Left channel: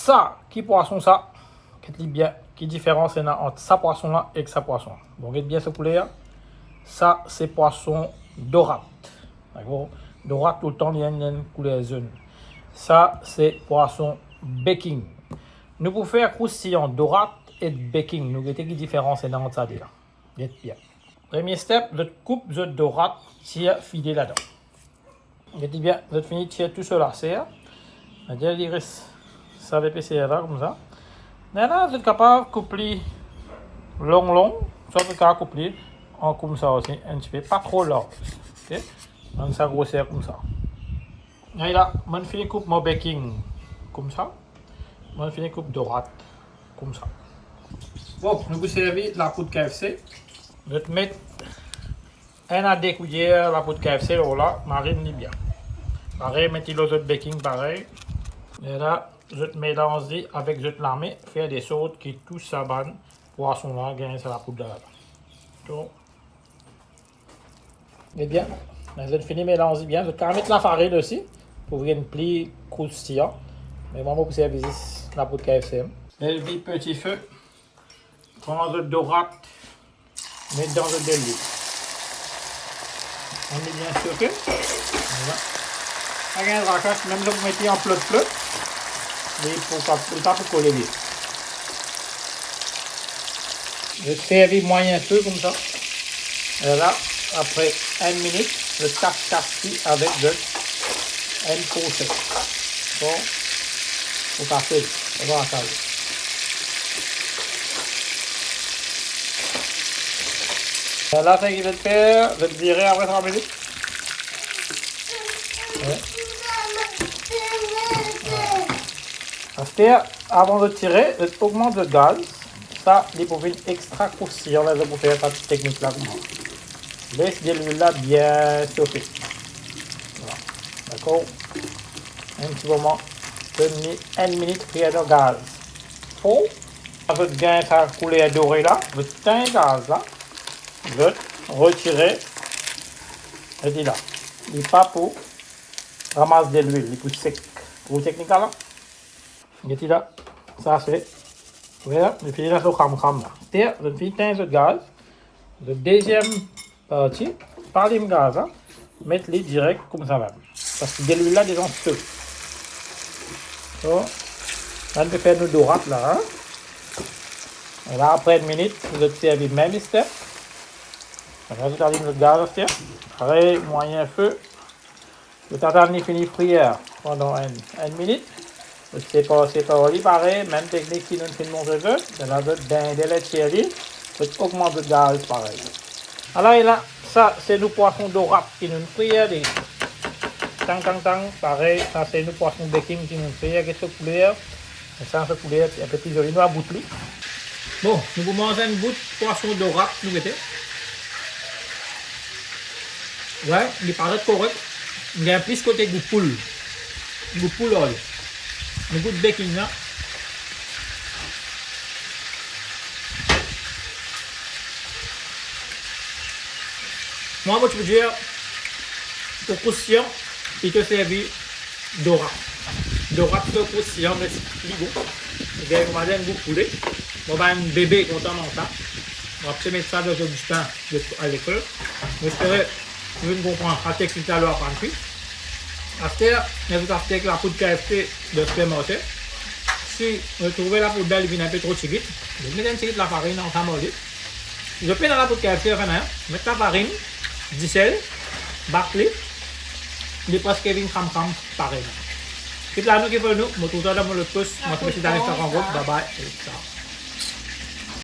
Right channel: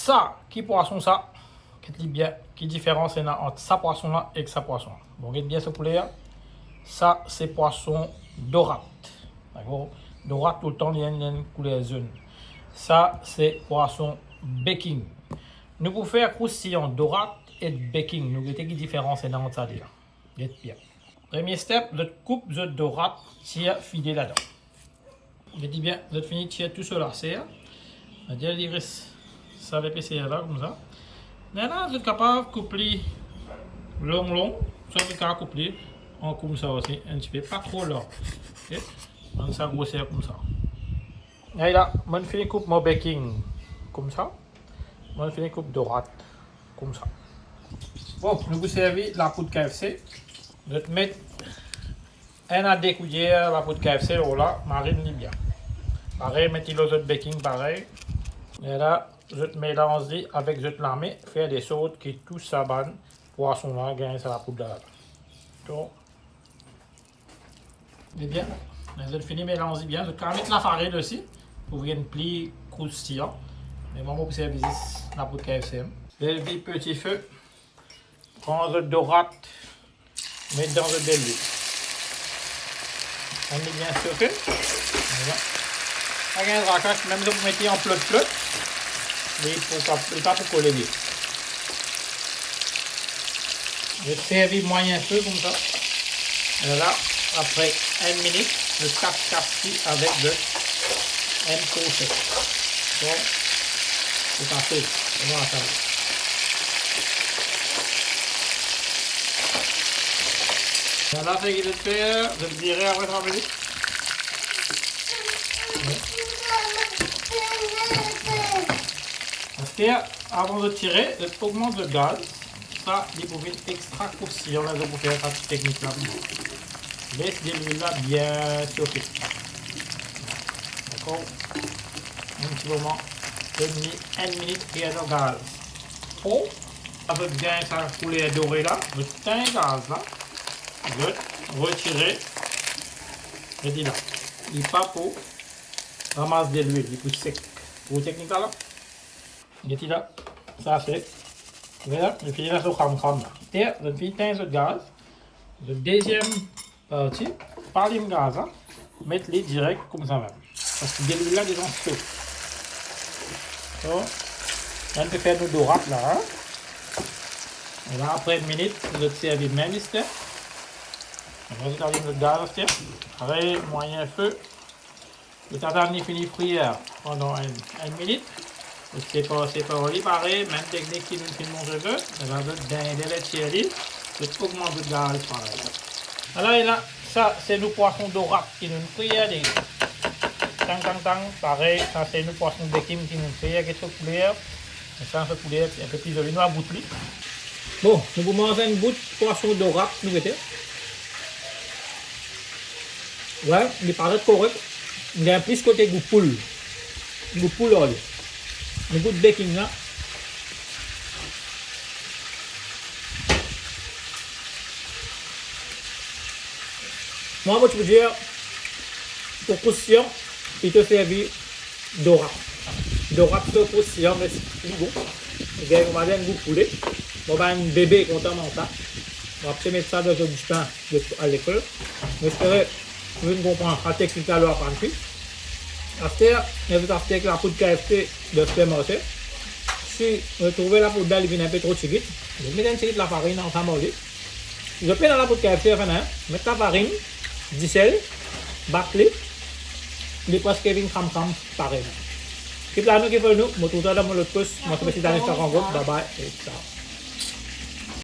ça, qui poisson ça? Qu'est-ce bien, qui différence est entre ça poisson là et ça poisson? Bon, regardez bien ce poulet là. Ça, c'est poisson dorade. D'accord? Dorade tout le temps, il y a une couleur jaune. Ça, c'est poisson baking. Nous pouvons faire croustillant dorade et baking. Nous regardez qui différence est entre ça là. Regardez bien. Premier step, je coupe le dorade, tire filet là-dedans. Regardez bien, je finis de tirer tout cela. C'est l'iris. Ça va passer là comme ça. Mais là, vous êtes capable de couper long, ça vous capable de couper en comme ça aussi, un petit peu, pas trop long. Ok? Donc ça grossir comme ça. Et là, je finis coupe mon baking comme ça. Je finis coupe dorade comme ça. Bon, nous vous servez la poudre KFC. Je vais mettre 1 à 2 cuillères la poudre KFC là, marine bien. Pareil, mettez le baking pareil. Et là, je te mélange avec je te la mets, faire des sauces qui touchent sa banne, poisson là, gagner ça la poudre là. Donc, et bien, je te finis mélanger bien. Je te mettre la farine aussi pour une pli croustillant. Mais moi, je vais servir la poudre KFC. Lever petit feu, prendre le dorade, mettre dans le d'huile. On met bien chauffé. Voilà. Avec un racasse, même si vous mettez en plot. Mais pas pour coller. Je servis moyen feu comme ça. Et là, après 1 minute, je casse avec de un procès. Bon, c'est parfait. On va attendre. Là, c'est ce qu'il va faire. Je le dirai après 3 minutes. Ouais. Avant de tirer, augmente le gaz. Ça, il faut faire extra croustillant. Là, je vais faire cette technique là. Laisse de l'huile là bien chauffer. Voilà. D'accord? Un petit moment. Donne 1 minute faire le gaz. Oh, avec bien sa couleur dorée là, je tiens le gaz là. Je retire. Je dis là. Il n'est pas pour ramasser de l'huile, il est plus sec. Vous technique là? Jadi là, ça c'est. Voilà, je finis là sur cam. C'est-à-dire, je finis le gaz. La deuxième partie, par le gaz, hein, mettre-les direct comme ça même. Parce que de l'huile là, déjà feu. Donc, on va faire nos dorades là. Hein. Et là, après 1 minute, vous allez servir même step. On va allumer le gaz, c'est-à-dire, pareil, moyen feu. Le attendre finit frire pendant 1 minute. C'est pas pareil, même technique qui nous fait montrer que c'est la d'un délai de chérie, peut augmenter le gaz pareil. Alors et là, ça c'est nos poissons dorades qui nous fait des tang, pareil, ça c'est nos poissons baking qui nous fait avec ce poulet, et ça ce poulet un peu plus joli, nous à bout plus. Bon, nous vous mangez une bout de poisson dorade, nous mettez. Ouais, il paraît correct, il y a plus côté goût poule là. Le goût de baking là. Moi, je peux dire, pour croustillant, il te servi dorade. Dorade, c'est croustillant, mais c'est bon. On va dire un goût de poulet. On va un bébé content dans ça. On va mettre ça dans un pain à l'école. J'espère que vous comprenez la technique à l'heure en plus. Après, vous avez avec la poudre KFC de supermarché. Si vous trouvez la poudre d'elle vient un peu trop chiguite, vous mettez un petit peu de la farine en samedi. Vous mettez dans la poudre KFC, vous mettez la farine, du sel, battre-les, les presque vient cram pareil. Ce qui est là, nous qui fait nous, je vous retrouve dans le post, moi je vais vous donner ça en route, bye bye, et ciao.